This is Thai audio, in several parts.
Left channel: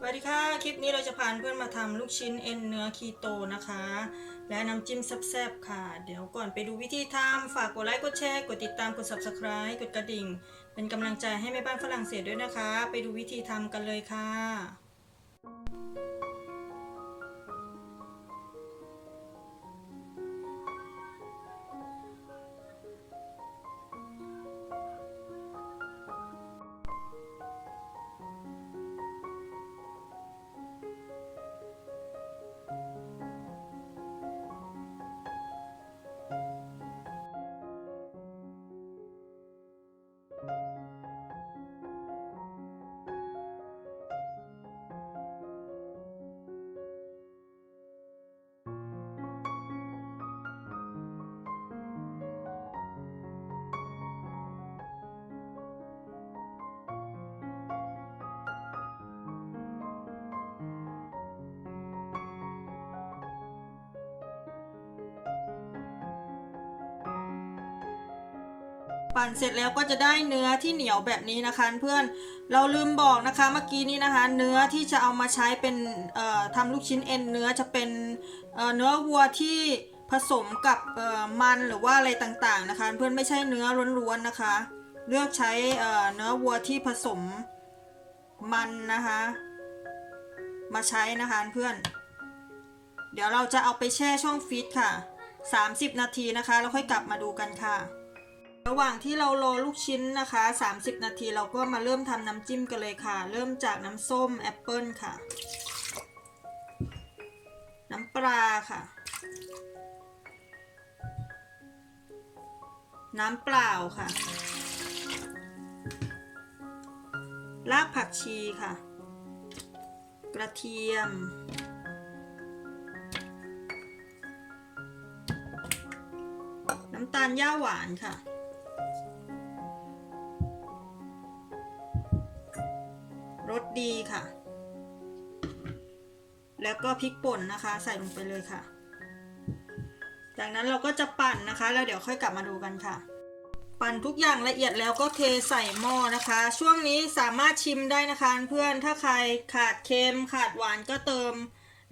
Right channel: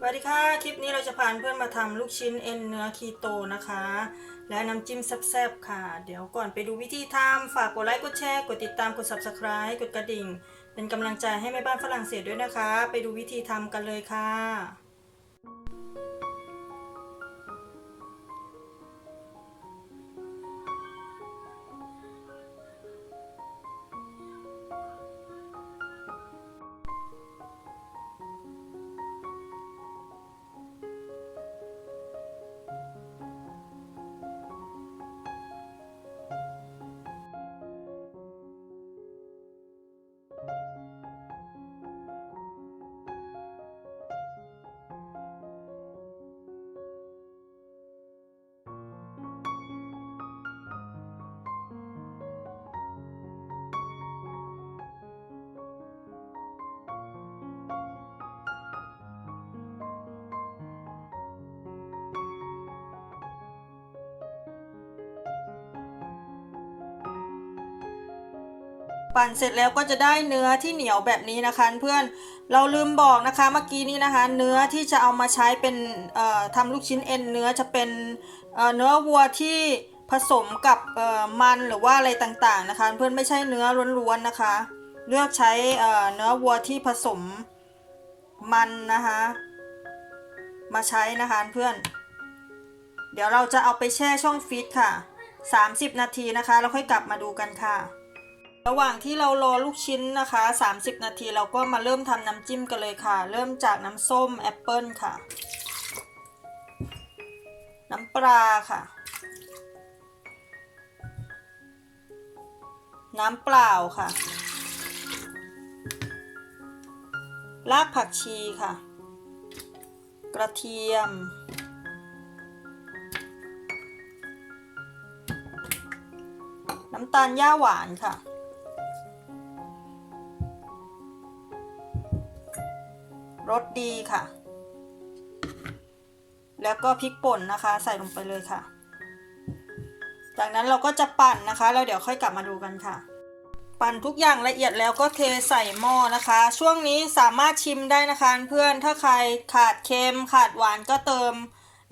สวัสดีค่ะ คลิปนี้เราจะพาเพื่อนมาทำลูกชิ้นเอ็นเนื้อคีโตนะคะ และน้ำจิ้มแซ่บๆค่ะ เดี๋ยวก่อนไปดูวิธีทำฝากกดไลค์ กดแชร์ กดติดตาม กด subscribe กดกระดิ่ง เป็นกำลังใจให้แม่บ้านฝรั่งเศสด้วยนะคะ ไปดูวิธีทำกันเลยค่ะ ปั่นเสร็จแล้วก็จะได้เนื้อที่เหนียวแบบนี้นะคะ เพื่อนเราลืมบอกนะคะเมื่อกี้นี้นะคะ เนื้อที่จะเอามาใช้เป็นทำลูกชิ้นเอ็นเนื้อจะเป็นเเนื้อวัวที่ผสมกับมันหรือว่าอะไรต่างๆนะคะ เพื่อนไม่ใช่เนื้อล้วนๆนะคะ เลือกใช้เเนื้อวัวที่ผสมมันนะคะ มาใช้นะคะเพื่อน เดี๋ยวเราจะเอาไปแช่ช่องฟรีซค่ะ 30 นาทีนะคะ แล้วค่อยกลับมาดูกันค่ะ ระหว่างที่เรารอลูกชิ้นนะคะ 30 นาทีเราก็มาเริ่มทำน้ำจิ้มกันเลยค่ะ เริ่มจากน้ำส้มแอปเปิลค่ะ น้ำปลาค่ะ น้ำเปล่าค่ะ รากผักชีค่ะ กระเทียม น้ำตาลย่าหวานค่ะ รสดีค่ะ แล้วก็พริกป่นนะคะ ใส่ลงไปเลยค่ะ จากนั้นเราก็จะปั่นนะคะ แล้วเดี๋ยวค่อยกลับมาดูกันค่ะ ปั่นทุกอย่างละเอียดแล้วก็เทใส่หม้อนะคะ ช่วงนี้สามารถชิมได้นะคะเพื่อนถ้าใครขาดเค็มขาดหวานก็เติม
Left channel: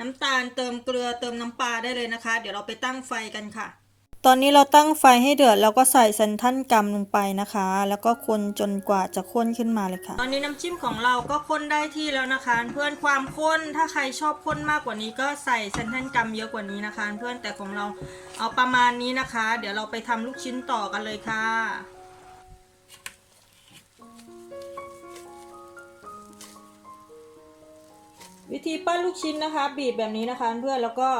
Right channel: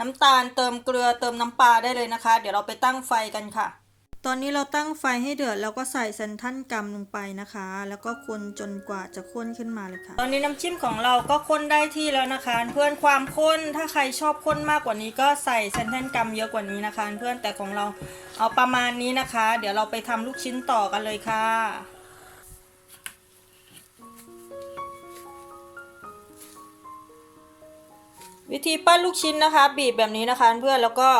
น้ำตาลเติมเกลือเติมน้ำปลาได้เลยนะคะ เดี๋ยวเราไปตั้งไฟกันค่ะ ตอนนี้เราตั้งไฟให้เดือดแล้วก็ใส่เซนทันกัมลงไปนะคะ แล้วก็คนจนกว่าจะข้นขึ้นมาเลยค่ะ ตอนนี้น้ำจิ้มของเราก็ข้นได้ที่แล้วนะคะ เพื่อนความข้นถ้าใครชอบข้นมากกว่านี้ก็ใส่เซนทันกัมเยอะกว่านี้นะคะ เพื่อนแต่ของเราเอาประมาณนี้นะคะ เดี๋ยวเราไปทำลูกชิ้นต่อกันเลยค่ะวิธีปั้นลูกชิ้นนะคะ บีบแบบนี้นะคะ เพื่อนแล้วก็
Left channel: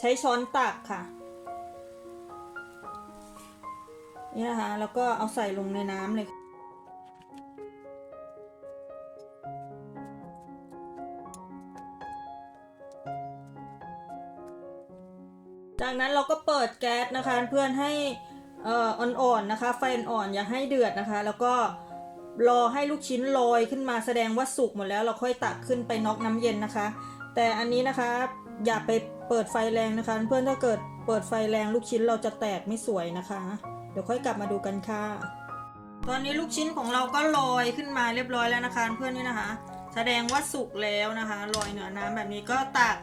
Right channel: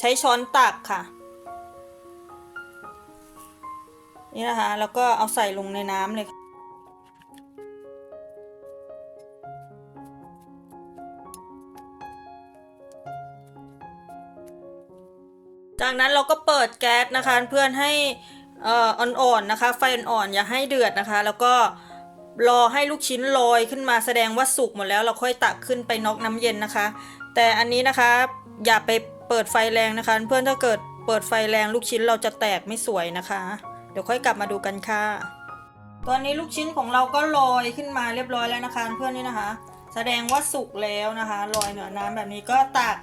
ใช้ช้อนตักค่ะ นี่นะคะ แล้วก็เอาใส่ลงในน้ำเลย จากนั้นเราก็เปิดแก๊สนะคะ เพื่อนให้อ่อนๆนะคะ ไฟอ่อนๆอย่าให้เดือดนะคะ แล้วก็รอให้ลูกชิ้นลอยขึ้นมาแสดงว่าสุกหมดแล้วเราค่อยตักขึ้นไปนอกน้ำเย็นนะคะ แต่อันนี้นะคะอย่าไปเปิดไฟแรงนะคะ เพื่อนถ้าเกิดเปิดไฟแรงลูกชิ้นเราจะแตกไม่สวยนะคะ ดี๋ยวค่อยกลับมาดูกันค่ะ ตอนนี้ลูกชิ้นของเราก็ลอยขึ้นมาเรียบร้อยแล้วนะคะเพื่อนนี่นะคะ แสดงว่าสุกแล้วนะคะลอยเหนือน้ำแบบนี้ก็ตัก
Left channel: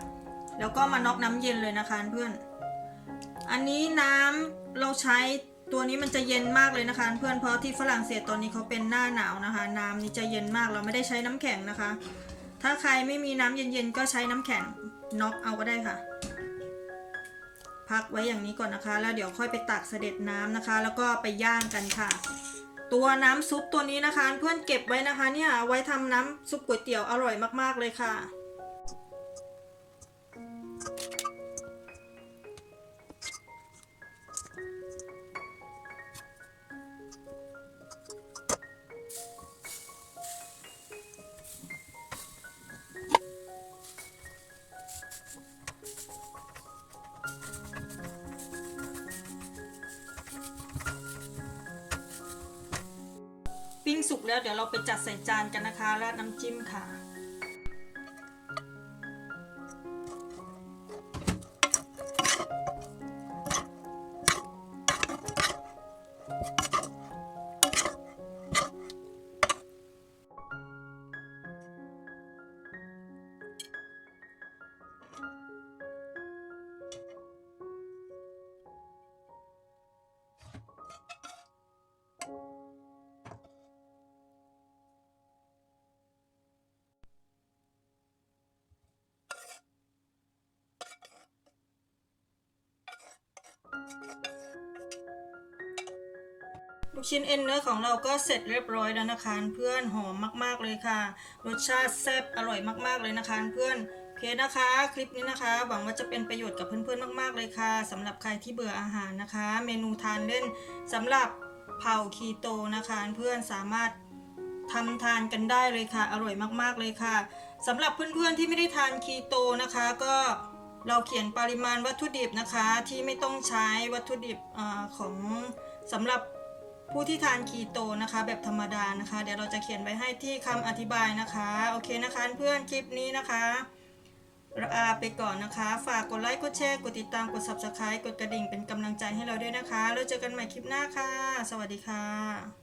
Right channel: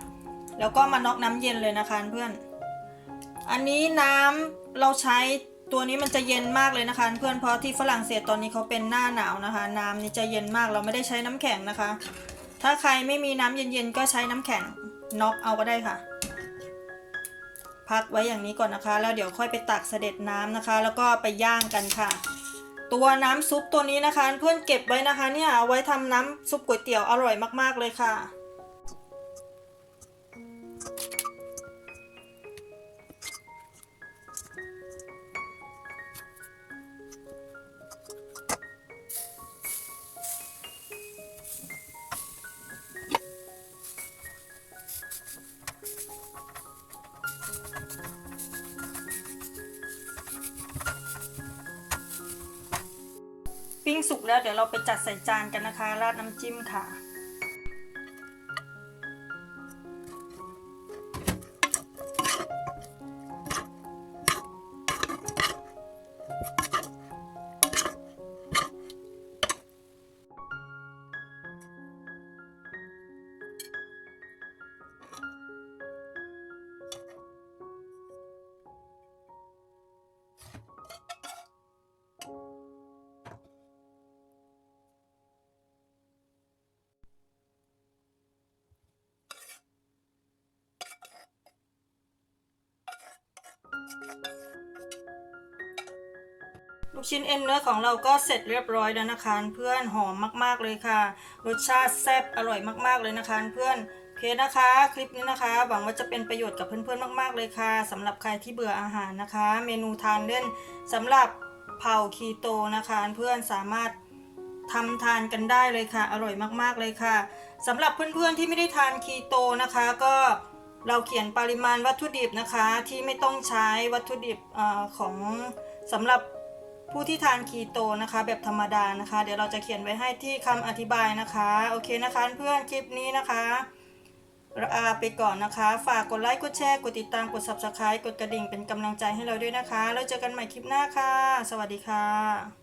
แล้วก็มาน็อกน้ำเย็นเลยนะคะเพื่อน อันนี้น้ำเราใช้ตัวนี้มันจะเย็นมากเลยนะคะ เพื่อนเพราะที่ฝรั่งเศสตอนนี้เขาเป็นหน้าหนาวนะคะ น้ำนี่จะเย็นมากเราไม่ได้ใช้น้ำแข็งนะคะ ถ้าใครไม่มีน้ำเย็นๆก็ใช้น้ำแข็งน็อกเอาก็ได้ค่ะ พักไว้อย่างนี้ก่อนนะคะ แล้วเดี๋ยวค่อยไปตักเสด็จน้ำนะคะ แล้วก็ไปย่างกันค่ะ ตัวน้ำซุปตัวนี้นะคะ เพื่อนเก็บไว้นะคะ เนี่ยเอาไว้ทำน้ำซุปก๋วยเตี๋ยวอร่อยมากๆเลยค่ะ ปิ้งสุกแล้วเดี๋ยวเราไปจัดใส่จานกันนะคะ ราดน้ำจิ้มค่ะ ลูกชิ้นเอ็นเนื้อของเราก็เสร็จเรียบร้อยแล้วนะคะเพื่อนหอมมากๆเลยค่ะ รสชาติแซ่บอร่อยมากๆเลยนะคะเพื่อนโอเคนะคะ คลิปนี้นะคะ หวังว่าจะเป็นประโยชน์กับเพื่อนๆมาก ๆเลยค่ะสำหรับใครที่เบื่ออาหารนะคะ เมนูทานเล่นสำหรับเผาคีโตนะคะเพื่อนสามารถทำทานกันได้เลยค่ะ อร่อยมากๆเลยค่ะสำหรับเพื่อนๆที่ไม่ได้ทานคีโตนะคะ ก็ เราเขียนปริมาณวัตถุดิบนะคะที่ไม่ต้องใช้วัตถุดิบอของสำหรับผู้ที่ทานคีโตนะคะ แบบธรรมดานะคะ เดี๋ยวเราจะเขียนไว้ให้ที่คำอธิบายนะคะโอเคนะคะ เพื่อนคลิปนี้นะคะลาไปก่อนนะคะ ฝากกดไลค์กดแชร์กดติดตามกด subscribe กดกระดิ่งเป็นกำลังใจให้เราด้วยนะคะ แล้วเจอกันใหม่คลิปหน้าค่ะ สวัสดีค่ะ